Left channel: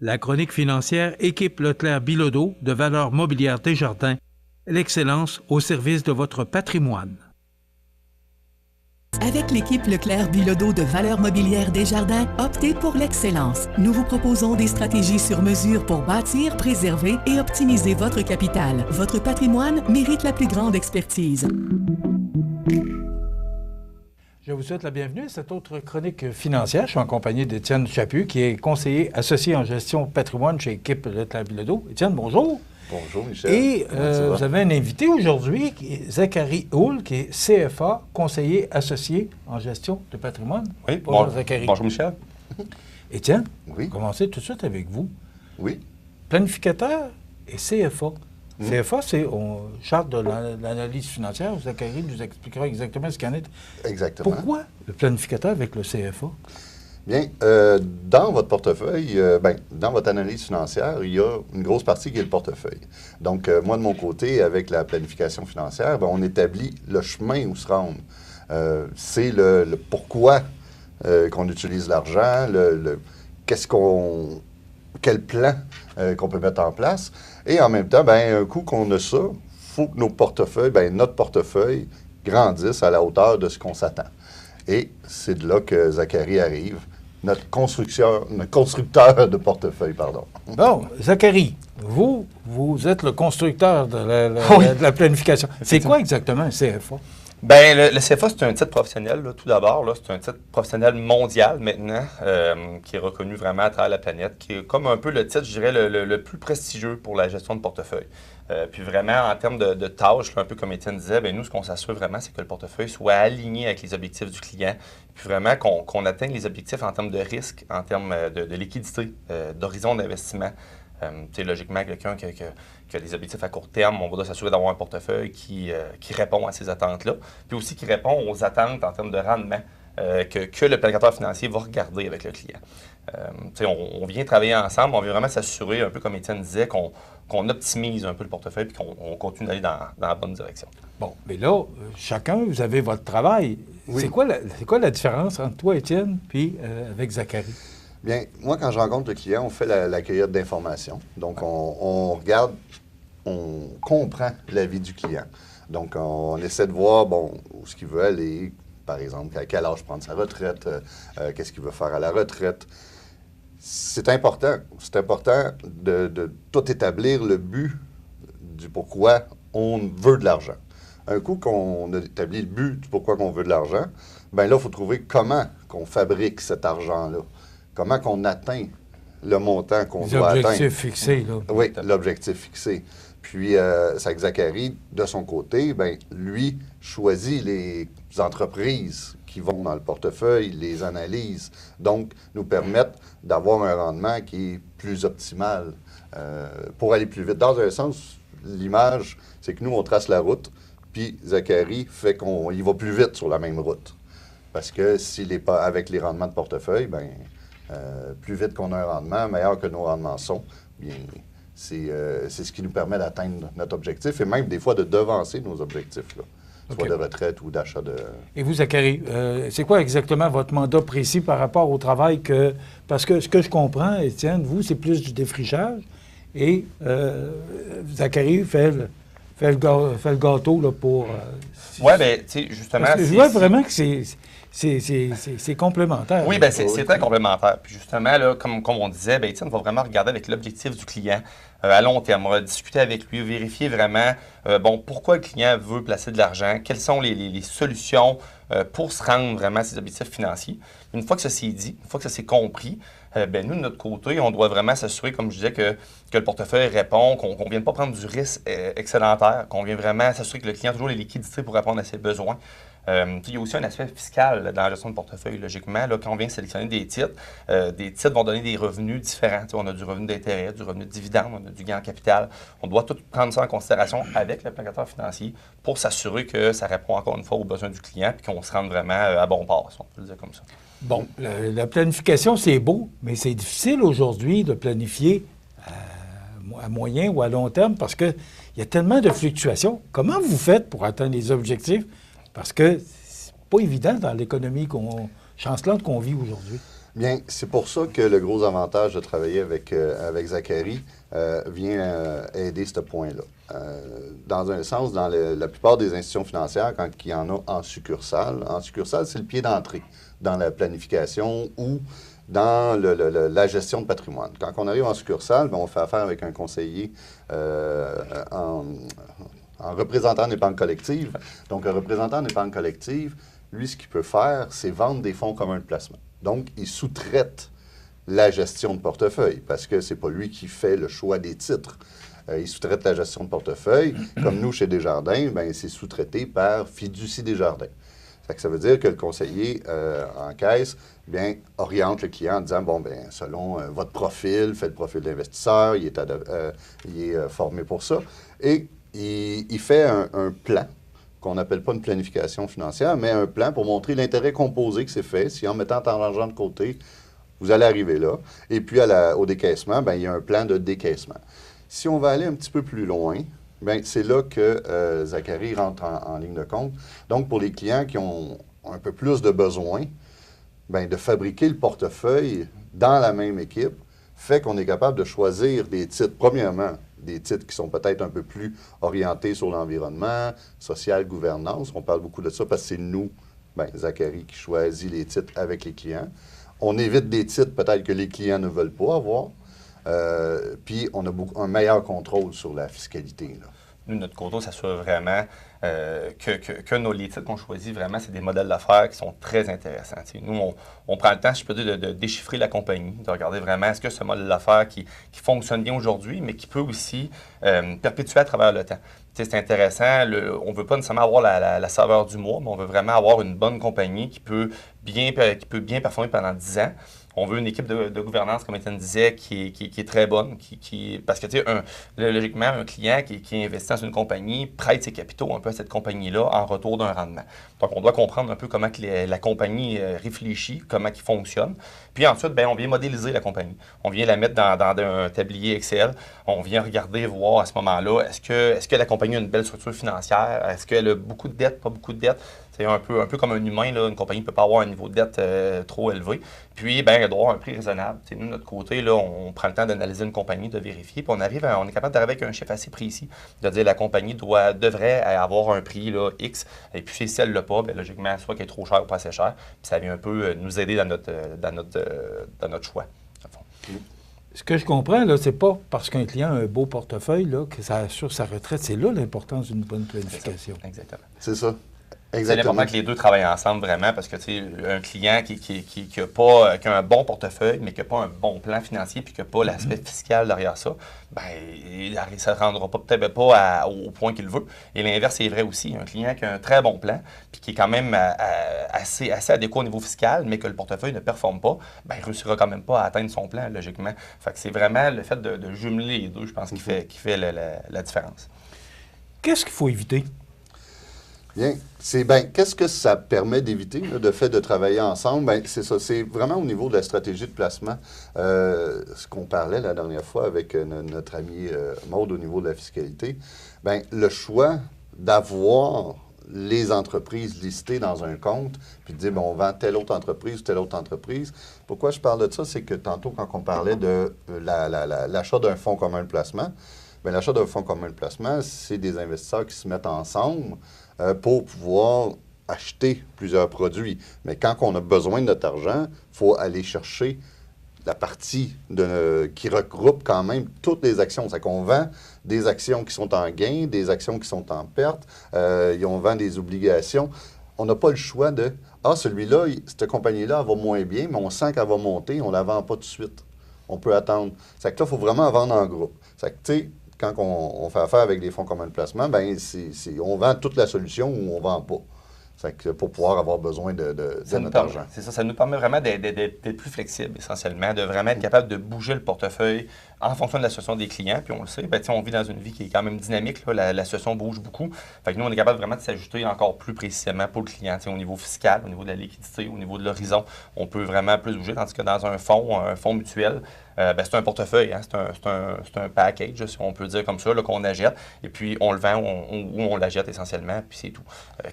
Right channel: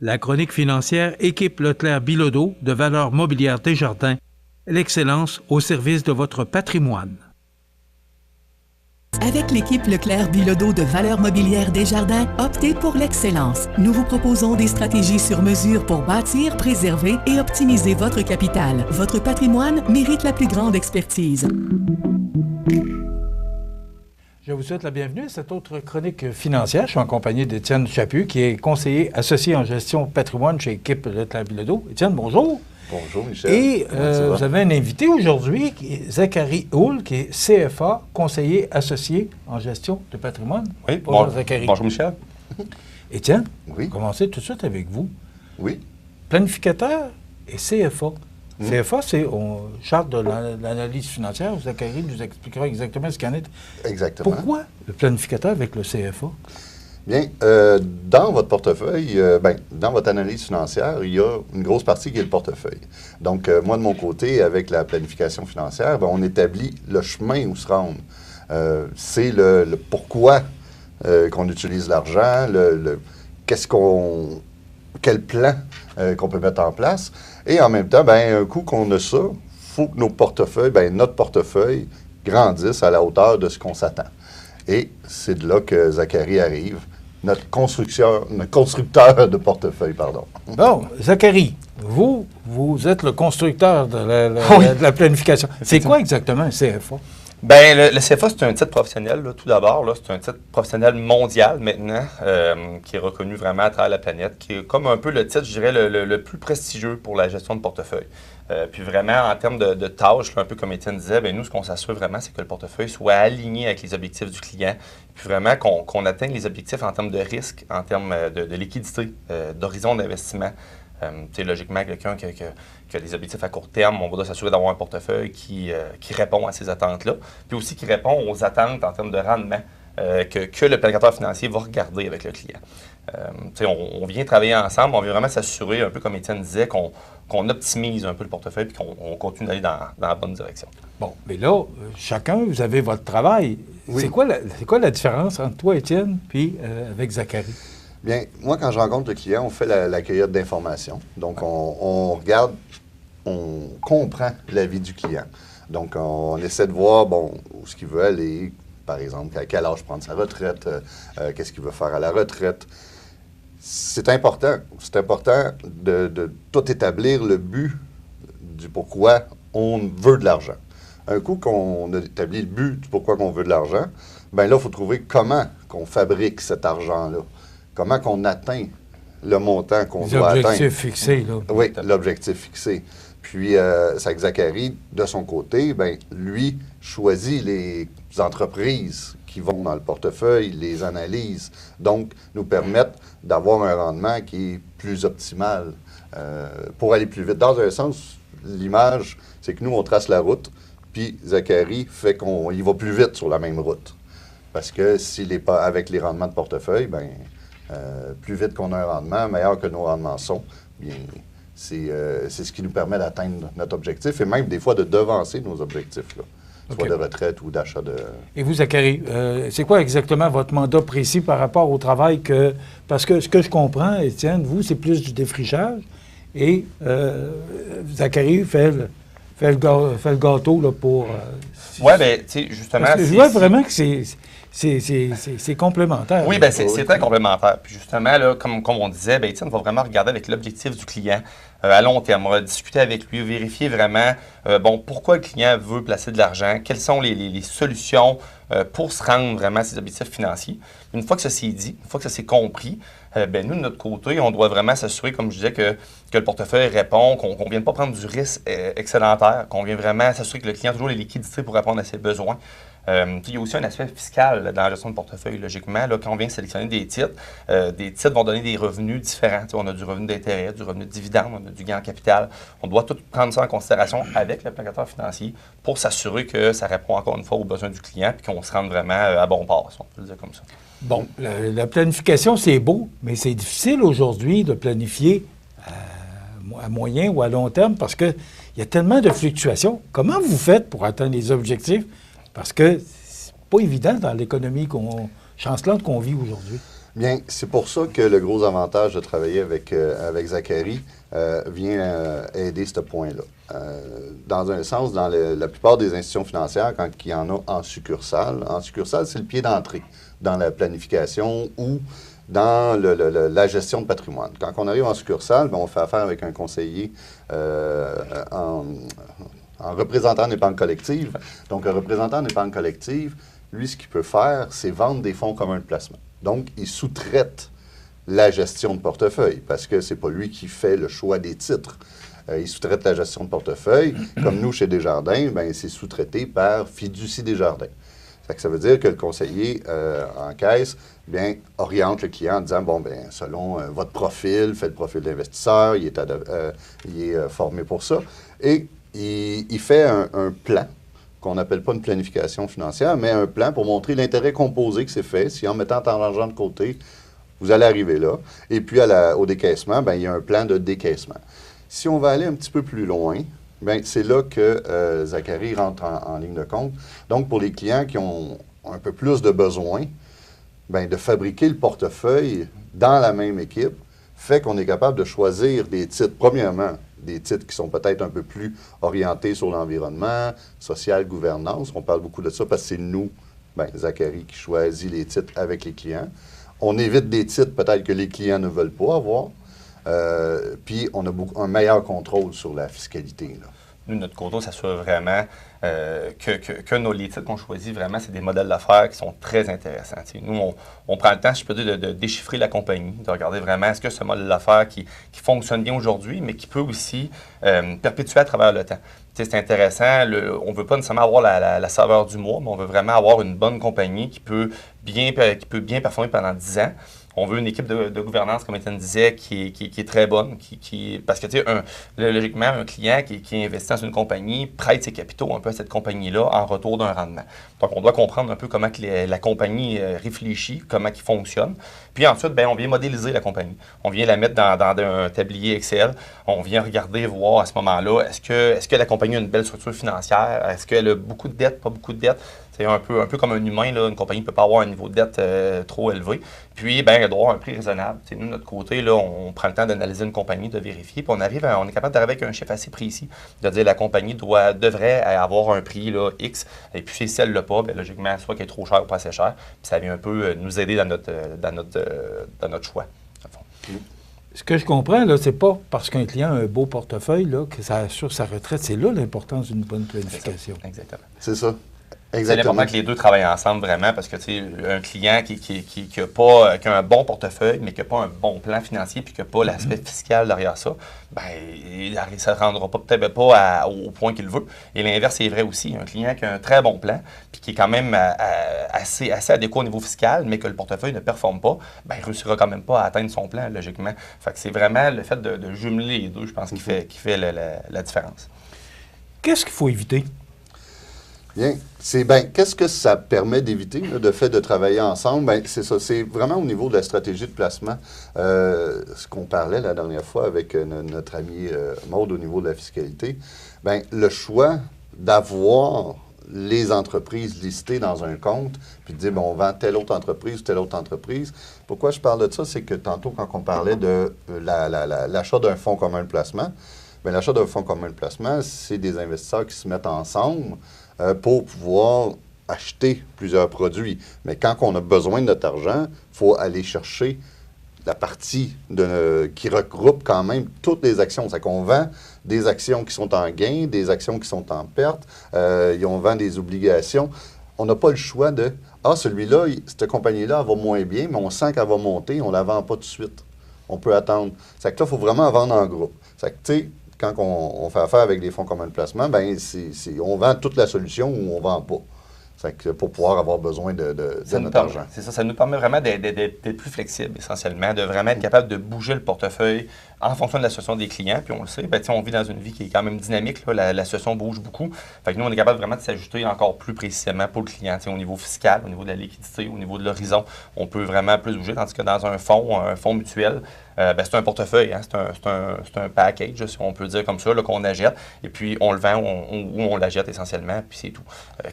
La chronique financière équipe Leclerc-Bilodeau de Valeurs mobilières Desjardins, l'excellence au service de votre patrimoine. Avec l'équipe Leclerc-Bilodeau de Valeurs mobilières Desjardins, optez pour l'excellence. Nous vous proposons des stratégies sur mesure pour bâtir, préserver et optimiser votre capital. Votre patrimoine mérite la plus grande expertise. Je vous souhaite la bienvenue à cette autre chronique financière. Je suis en compagnie d'Étienne Chaput, qui est conseiller associé en gestion patrimoine chez l'équipe Leclerc-Bilodeau. Étienne, bonjour. Bonjour, Michel. Et vous avez un invité aujourd'hui, Zachary Houle, qui est CFA, conseiller associé en gestion de patrimoine. Oui, bonjour, Zachary. Bonjour, Michel. Étienne, oui. Commencer tout de suite avec vous. Oui. Planificateur et CFA. CFA, c'est charte de l'analyse financière. Zachary nous expliquera exactement ce qu'il en est. Exactement. Pourquoi le planificateur avec le CFA? Bien, dans votre portefeuille, dans votre analyse financière, il y a une grosse partie qui est le portefeuille. Donc, moi, de mon côté, avec la planification financière, on établit le chemin où se rendre. C'est le pourquoi qu'on utilise l'argent, quel plan qu'on peut mettre en place. Et en même temps, un coup qu'on a ça, il faut que notre portefeuille grandisse à la hauteur de ce qu'on s'attend. Et c'est de là que Zachary arrive, notre constructeur de portefeuille, pardon. Bon, Zachary, vous êtes le constructeur de la planification. C'est quoi exactement un CFA? Bien, le CFA, c'est un titre professionnel, là, tout d'abord. Là, c'est un titre professionnel mondial maintenant, qui est reconnu vraiment à travers la planète, qui est comme un peu le titre, je dirais, le plus prestigieux pour la gestion de portefeuille. Puis vraiment, en termes de tâches, là, un peu comme Étienne disait, nous, ce qu'on s'assure vraiment, c'est que le portefeuille soit aligné avec les objectifs du client, puis vraiment qu'on atteigne les objectifs en termes de risque, en termes de liquidité, d'horizon d'investissement. Logiquement, quelqu'un qui a des objectifs à court terme, on va s'assurer d'avoir un portefeuille qui répond à ces attentes-là, puis aussi qui répond aux attentes en termes de rendement que le planificateur financier va regarder avec le client. On vient travailler ensemble, on vient vraiment s'assurer, un peu comme Étienne disait, qu'on optimise un peu le portefeuille et qu'on continue d'aller dans la bonne direction. Bon, mais là, chacun, vous avez votre travail. Oui. C'est quoi la différence entre toi, Étienne, puis avec Zachary? Bien, moi, quand je rencontre le client, on fait la cueillette d'informations. Donc, on regarde, on comprend la vie du client. Donc, on essaie de voir, où ce qu'il veut aller, par exemple, à quel âge prendre sa retraite, qu'est-ce qu'il veut faire à la retraite. C'est important. C'est important de tout établir le but du pourquoi on veut de l'argent. Un coup qu'on a établi le but du pourquoi on veut de l'argent, là, il faut trouver comment qu'on fabrique cet argent-là. Comment qu'on atteint le montant qu'on doit atteindre. L'objectif fixé, là. Oui, l'objectif fixé. Puis, Zachary, de son côté, lui, choisit les entreprises qui vont dans le portefeuille, les analyses, donc nous permettent d'avoir un rendement qui est plus optimal pour aller plus vite. Dans un sens, l'image, c'est que nous, on trace la route, puis Zachary fait qu'on y va plus vite sur la même route. Parce que s'il n'est pas avec les rendements de portefeuille, plus vite qu'on a un rendement, meilleur que nos rendements sont, bien, c'est ce qui nous permet d'atteindre notre objectif et même des fois de devancer nos objectifs, là, soit de retraite ou d'achat de... Et vous, Zachary, c'est quoi exactement votre mandat précis par rapport au travail que... Parce que ce que je comprends, Étienne, vous, c'est plus du défrichage et Zachary fait le gâteau là, pour... Oui, bien, tu sais, justement... Je vois vraiment que c'est complémentaire. Oui, bien, c'est très complémentaire. Puis justement, là, comme on disait, Étienne va vraiment regarder avec l'objectif du client à long terme. On va discuter avec lui, vérifier vraiment pourquoi le client veut placer de l'argent, quelles sont les solutions pour se rendre vraiment à ses objectifs financiers. Une fois que ça s'est dit, une fois que ça s'est compris, nous, de notre côté, on doit vraiment s'assurer, comme je disais, que le portefeuille répond, qu'on ne vienne pas prendre du risque excédentaire, qu'on vienne vraiment s'assurer que le client a toujours les liquidités pour répondre à ses besoins. Il y a aussi un aspect fiscal dans la gestion de portefeuille, logiquement. Là, quand on vient sélectionner des titres vont donner des revenus différents. On a du revenu d'intérêt, du revenu de dividende, on a du gain en capital. On doit tout prendre ça en considération avec le planificateur financier pour s'assurer que ça répond encore une fois aux besoins du client et qu'on se rende vraiment à bon port, si on peut le dire comme ça. Bon, la planification, c'est beau, mais c'est difficile aujourd'hui de planifier à moyen ou à long terme parce qu'il y a tellement de fluctuations. Comment vous faites pour atteindre les objectifs? Parce que c'est pas évident dans l'économie chancelante qu'on vit aujourd'hui. Bien, c'est pour ça que le gros avantage de travailler avec Zachary vient aider ce point-là. Dans un sens, dans la plupart des institutions financières, quand il y en a en succursale, c'est le pied d'entrée dans la planification ou dans la gestion de patrimoine. Quand on arrive en succursale, on fait affaire avec un conseiller en représentant d'épargne collective. Donc, un représentant d'épargne collective, lui, ce qu'il peut faire, c'est vendre des fonds communs de placement. Donc, il sous-traite la gestion de portefeuille parce que c'est pas lui qui fait le choix des titres. Il sous-traite la gestion de portefeuille. Comme nous, chez Desjardins, c'est sous-traité par Fiducie Desjardins. Ça veut dire que le conseiller en caisse oriente le client en disant, selon votre profil, faites le profil d'investisseur, il est formé pour ça. Et il fait un plan qu'on n'appelle pas une planification financière, mais un plan pour montrer l'intérêt composé que c'est fait. Si en mettant tant d'argent de côté, vous allez arriver là. Et puis, au décaissement, il y a un plan de décaissement. Si on va aller un petit peu plus loin, c'est là que Zachary rentre en ligne de compte. Donc, pour les clients qui ont un peu plus de besoin, de fabriquer le portefeuille dans la même équipe fait qu'on est capable de choisir des titres, premièrement, des titres qui sont peut-être un peu plus orientés sur l'environnement, social, gouvernance. On parle beaucoup de ça parce que c'est nous, Zachary, qui choisit les titres avec les clients. On évite des titres peut-être que les clients ne veulent pas avoir. Puis on a un meilleur contrôle sur la fiscalité, là. Nous, notre côté, ça soit vraiment que les titres qu'on choisit, vraiment, c'est des modèles d'affaires qui sont très intéressants. T'sais, nous, on prend le temps, si je peux dire, de déchiffrer la compagnie, de regarder vraiment est-ce que ce modèle d'affaires qui fonctionne bien aujourd'hui, mais qui peut aussi perpétuer à travers le temps. C'est intéressant. On ne veut pas nécessairement avoir la saveur du mois, mais on veut vraiment avoir une bonne compagnie qui peut bien performer pendant 10 ans. On veut une équipe de gouvernance, comme Étienne disait, qui est très bonne. Parce que, logiquement, un client qui investit dans une compagnie prête ses capitaux un peu à cette compagnie-là en retour d'un rendement. Donc, on doit comprendre un peu comment la compagnie réfléchit, comment elle fonctionne. Puis ensuite, on vient modéliser la compagnie. On vient la mettre dans un tablier Excel. On vient regarder, voir à ce moment-là, est-ce que la compagnie a une belle structure financière? Est-ce qu'elle a beaucoup de dettes, pas beaucoup de dettes? C'est un peu comme un humain, là, une compagnie ne peut pas avoir un niveau de dette trop élevé. Puis, elle doit avoir un prix raisonnable. Nous, de notre côté, là, on prend le temps d'analyser une compagnie, de vérifier, puis on est capable d'arriver avec un chiffre assez précis, de dire la compagnie devrait avoir un prix là, X, et puis si elle ne l'a pas, logiquement, soit qu'elle est trop chère ou pas assez chère, puis ça vient un peu nous aider dans notre choix. Ce que je comprends, là, c'est pas parce qu'un client a un beau portefeuille là, que ça assure sa retraite. C'est là l'importance d'une bonne planification. Exactement. C'est ça. C'est important que les deux travaillent ensemble vraiment parce que un client qui a un bon portefeuille mais qui n'a pas un bon plan financier puis qui n'a pas l'aspect fiscal derrière ça, ça ne rendra peut-être pas au point qu'il veut. Et l'inverse est vrai aussi. Un client qui a un très bon plan puis qui est quand même assez adéquat au niveau fiscal mais que le portefeuille ne performe pas, il ne réussira quand même pas à atteindre son plan, logiquement. Fait que c'est vraiment le fait de jumeler les deux, je pense, qui fait la différence. Qu'est-ce qu'il faut éviter? Bien, qu'est-ce que ça permet d'éviter, le fait de travailler ensemble? C'est ça, c'est vraiment au niveau de la stratégie de placement. Ce qu'on parlait la dernière fois avec notre ami Maude au niveau de la fiscalité, le choix d'avoir les entreprises listées dans un compte, puis de dire, on vend telle autre entreprise ou telle autre entreprise. Pourquoi je parle de ça? C'est que tantôt, quand on parlait de l'achat d'un fonds commun de placement, l'achat d'un fonds commun de placement, c'est des investisseurs qui se mettent ensemble pour pouvoir acheter plusieurs produits. Mais quand on a besoin de notre argent, il faut aller chercher la partie qui regroupe quand même toutes les actions. C'est qu'on vend des actions qui sont en gain, des actions qui sont en perte, on vend des obligations. On n'a pas le choix de « Ah, celui-là, cette compagnie-là, elle va moins bien, mais on sent qu'elle va monter, on ne la vend pas tout de suite. On peut attendre. » C'est que là, il faut vraiment vendre en groupe. C'est que, tu sais, quand on fait affaire avec des fonds communs de placement, on vend toute la solution ou on ne vend pas. C'est que pour pouvoir avoir besoin de notre argent. C'est ça, ça nous permet vraiment d'être plus flexible, essentiellement, de vraiment être capable de bouger le portefeuille en fonction de la situation des clients, puis on le sait, ben, on vit dans une vie qui est quand même dynamique, là, la situation bouge beaucoup. Fait que nous, on est capable vraiment de s'ajuster encore plus précisément pour le client, au niveau fiscal, au niveau de la liquidité, au niveau de l'horizon, on peut vraiment plus bouger, tandis que dans un fonds mutuel, c'est un portefeuille, hein, c'est un package, si on peut dire comme ça, là, qu'on achète, et puis on le vend ou on l'achète essentiellement, puis c'est tout.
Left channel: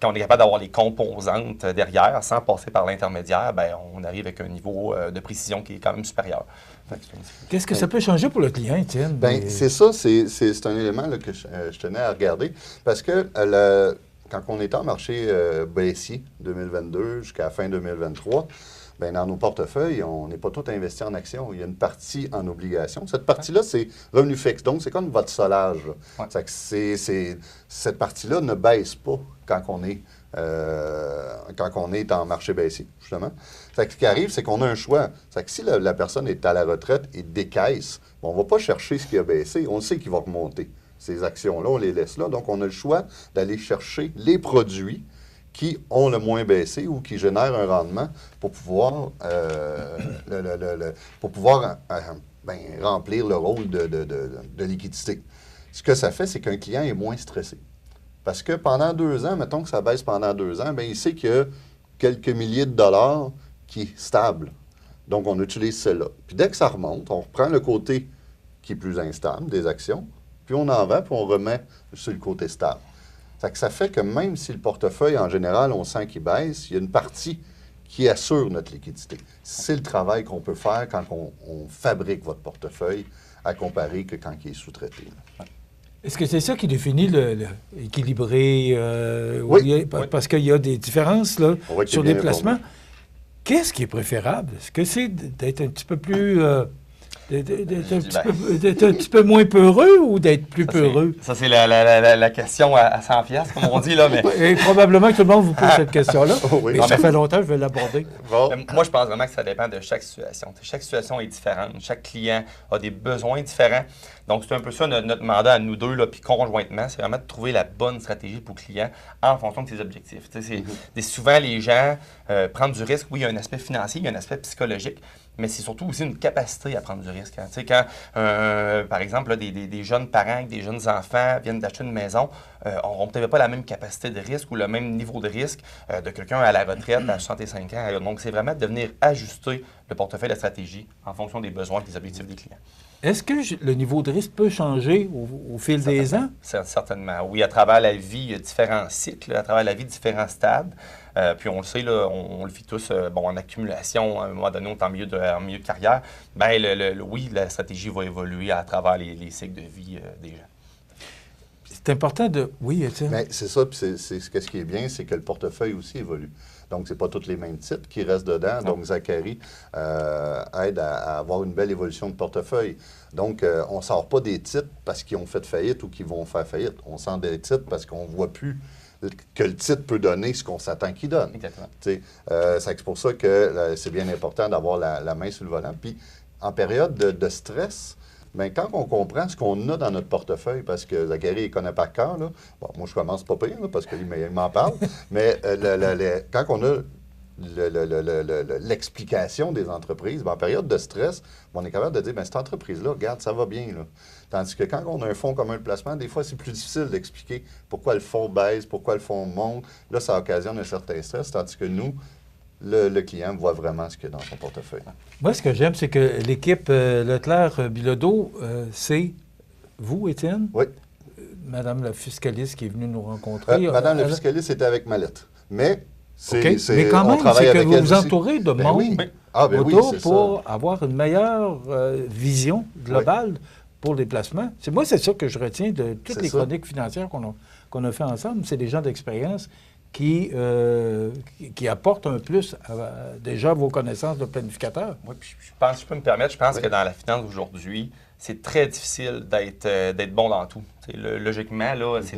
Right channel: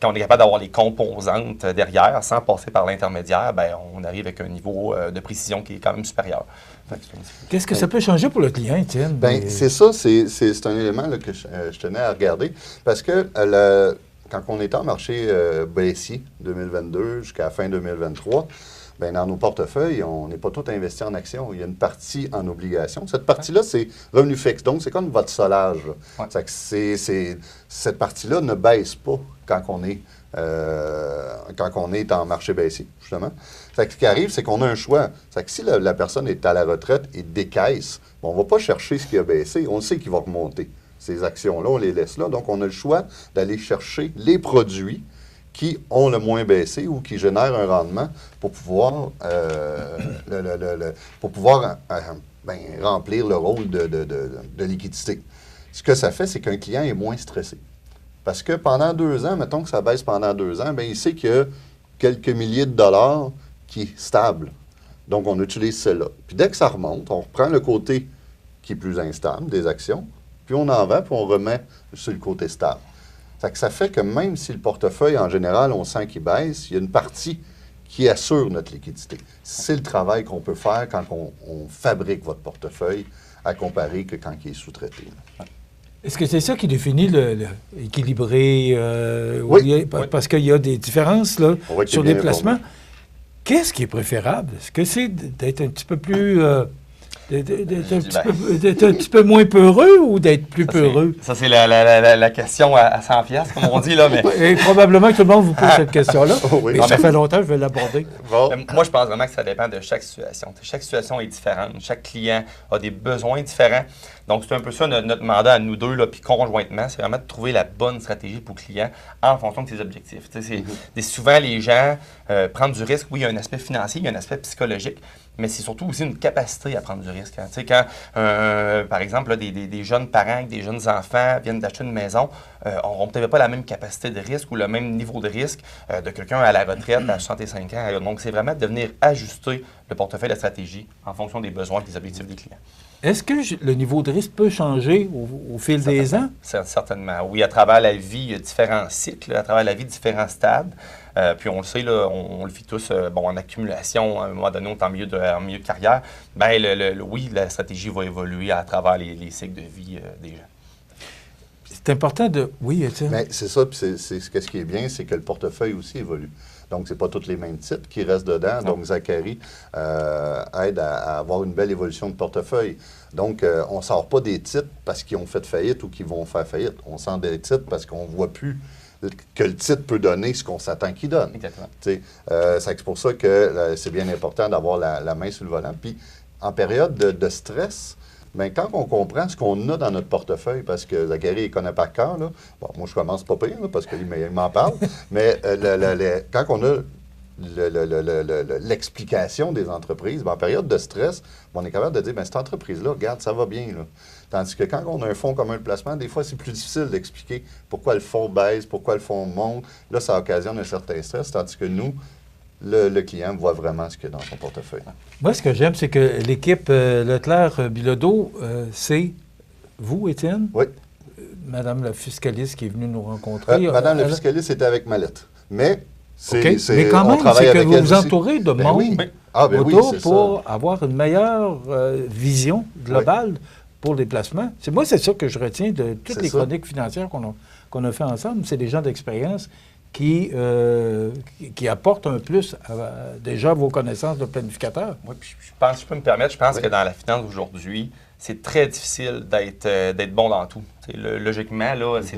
Quand on est capable d'avoir les composantes derrière, sans passer par l'intermédiaire, ben, on arrive avec un niveau de précision qui est quand même supérieur. Qu'est-ce que ça peut changer pour le client, Étienne? Bien, c'est ça, c'est un élément là, que je tenais à regarder, parce que quand on était en marché baissier 2022 jusqu'à la fin 2023, bien, dans nos portefeuilles, on n'est pas tout investi en actions. Il y a une partie en obligations. Cette partie-là, c'est revenu fixe. Donc, c'est comme votre solage. Ouais. Cette partie-là ne baisse pas quand on est en marché baissier, justement. Fait que ce qui arrive, c'est qu'on a un choix. Fait que si la personne est à la retraite et décaisse, on ne va pas chercher ce qui a baissé. On sait qu'il va remonter. Ces actions-là, on les laisse là. Donc, on a le choix d'aller chercher les produits qui ont le moins baissé ou qui génèrent un rendement pour pouvoir, remplir le rôle de liquidité. Ce que ça fait, c'est qu'un client est moins stressé. Parce que pendant 2 ans, mettons que ça baisse pendant 2 ans, bien, il sait qu'il y a quelques milliers de dollars qui est stable. Donc, on utilise celle-là. Puis dès que ça remonte, on reprend le côté qui est plus instable des actions, puis on en vend, puis on remet sur le côté stable. Ça fait que même si le portefeuille, en général, on sent qu'il baisse, il y a une partie qui assure notre liquidité. C'est le travail qu'on peut faire quand on fabrique votre portefeuille à comparer que quand il est sous-traité. Est-ce que c'est ça qui définit l'équilibré? Oui. Parce qu'il y a des différences là, sur les placements. Répondu. Qu'est-ce qui est préférable? Est-ce que c'est d'être un petit peu plus... d'être un petit peu moins peureux ou d'être plus peureux? Ça, c'est la question à 100 $, comme on dit, là. Mais... Et probablement que tout le monde vous pose cette question-là. Oui. Mais ça fait longtemps que je vais l'aborder. Bon. Moi, je pense vraiment que ça dépend de chaque situation. Chaque situation est différente. Chaque client a des besoins différents. Donc, c'est un peu ça notre mandat à nous deux, là, puis conjointement, c'est vraiment de trouver la bonne stratégie pour le client en fonction de ses objectifs. Souvent, les gens prennent du risque. Oui, il y a un aspect financier, il y a un aspect psychologique, mais c'est surtout aussi une capacité à prendre du risque. Hein. Quand par exemple, là, des jeunes parents avec des jeunes enfants viennent d'acheter une maison, n'auront peut-être pas la même capacité de risque ou le même niveau de risque de quelqu'un à la retraite à 65 ans. Donc, c'est vraiment de venir ajuster le portefeuille de stratégie en fonction des besoins et des objectifs des clients. Est-ce que le niveau de risque peut changer au fil des ans? Certainement. Oui, à travers la vie, il y a différents cycles, à travers la vie, différents stades. Puis on le sait, là, on le vit tous en accumulation, à un moment donné, on est en milieu de carrière. Bien, oui, la stratégie va évoluer à travers les cycles de vie des gens. C'est important de... Oui, Étienne. Mais c'est ça, puis ce qui est bien, c'est que le portefeuille aussi évolue. Donc, ce n'est pas tous les mêmes titres qui restent dedans. Non. Donc, Zachary aide à avoir une belle évolution de portefeuille. Donc, on ne sort pas des titres parce qu'ils ont fait faillite ou qu'ils vont faire faillite. On sort des titres parce qu'on ne voit plus que le titre peut donner ce qu'on s'attend qu'il donne. Exactement. C'est pour ça que c'est bien important d'avoir la main sur le volant. Puis, en période de stress, bien, quand on comprend ce qu'on a dans notre portefeuille, parce que Zachary, il connaît par cœur, là. Bon, moi, je commence pas pire, là, parce qu'il m'en parle, mais quand on a l'explication des entreprises, bien, en période de stress, on est capable de dire, bien, cette entreprise-là, regarde, ça va bien, là. Tandis que quand on a un fonds commun de placement, des fois, c'est plus difficile d'expliquer pourquoi le fonds baisse, pourquoi le fonds monte. Là, ça occasionne un certain stress, tandis que nous, le client voit vraiment ce qu'il y a dans son portefeuille. Moi, ce que j'aime, c'est que l'équipe Leclerc-Bilodeau, c'est vous, Étienne? Oui. Madame la fiscaliste qui est venue nous rencontrer. Madame la fiscaliste était avec Mallette. Mais OK. Mais quand même, c'est que vous vous entourez de monde oui. autour pour avoir une meilleure vision globale pour les placements. Moi, c'est ça que je retiens de toutes les chroniques financières qu'on a fait ensemble. C'est des gens d'expérience qui apportent un plus déjà à vos connaissances de planificateur. Oui, puis je peux me permettre, je pense que dans la finance aujourd'hui, c'est très difficile d'être bon dans tout. Logiquement, là, c'est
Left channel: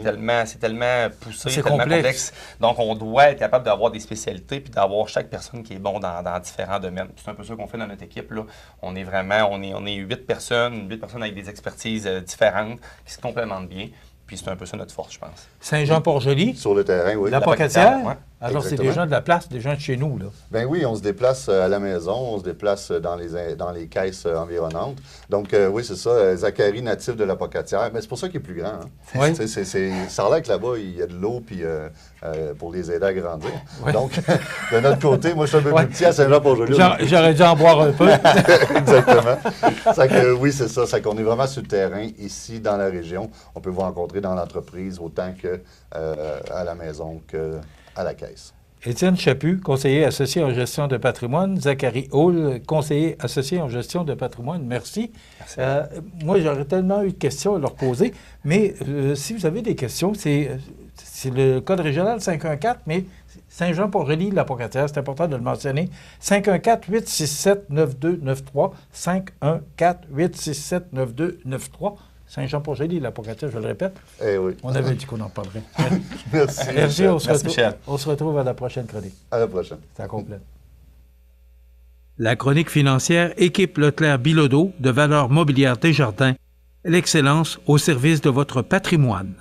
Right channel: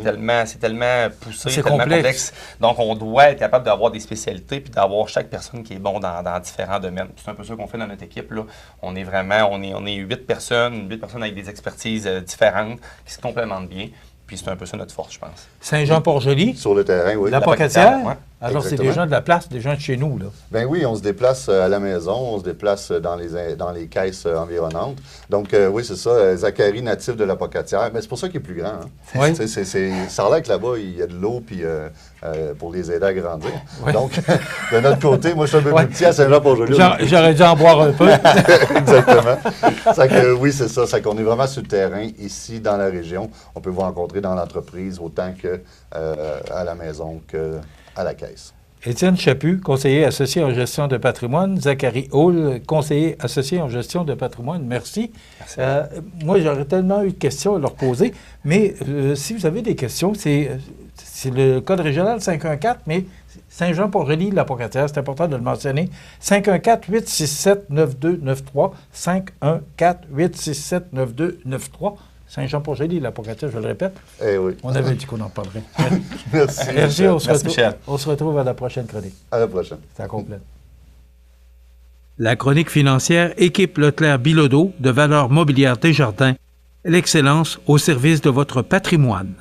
tellement poussé, c'est tellement complexe. Donc, on doit être capable d'avoir des spécialités puis d'avoir chaque personne qui est bon dans différents domaines. C'est un peu ça qu'on fait dans notre équipe, là. On est 8 personnes avec des expertises différentes qui se complémentent bien. Puis c'est un peu ça notre force, je pense. Saint-Jean-Port-Joli. Sur le terrain, oui. La Pocatière, Alors, c'est Exactement. des gens de la place, des gens de chez nous, là. Ben oui, on se déplace à la maison, on se déplace dans les caisses environnantes. Donc, oui, c'est ça. Zachary, natif de la Pocatière. Mais c'est pour ça qu'il est plus grand. Hein. Oui. Ça a l'air que là-bas, il y a de l'eau puis, pour les aider à grandir. Oui. Donc, de notre côté, moi, je suis un peu Ouais. plus petit à Saint-Jean-Port-Joli. J'aurais dû en boire un peu. Exactement. Ça que, oui, c'est ça. C'est qu'on est vraiment sur le terrain, ici, dans la région. On peut vous rencontrer dans l'entreprise autant que à la maison qu'à la caisse. Étienne Chaput, conseiller associé en gestion de patrimoine. Zachary Hall, conseiller associé en gestion de patrimoine. Merci. Moi, j'aurais tellement eu de questions à leur poser, mais si vous avez des questions, c'est le code régional 514, mais Saint-Jean-Port-Joli, la Pocatière, c'est important de le mentionner. 514-867-9293. 514-867-9293. Saint-Jean-Port-Joli, la Pocatière, je le répète. Eh oui. On avait dit qu'on en parlerait. Merci. Merci, Michel. on se retrouve à la prochaine chronique. À la prochaine. Ça complète. La chronique financière équipe Leclerc-Bilodeau de Valeurs mobilières Desjardins, l'excellence au service de votre patrimoine.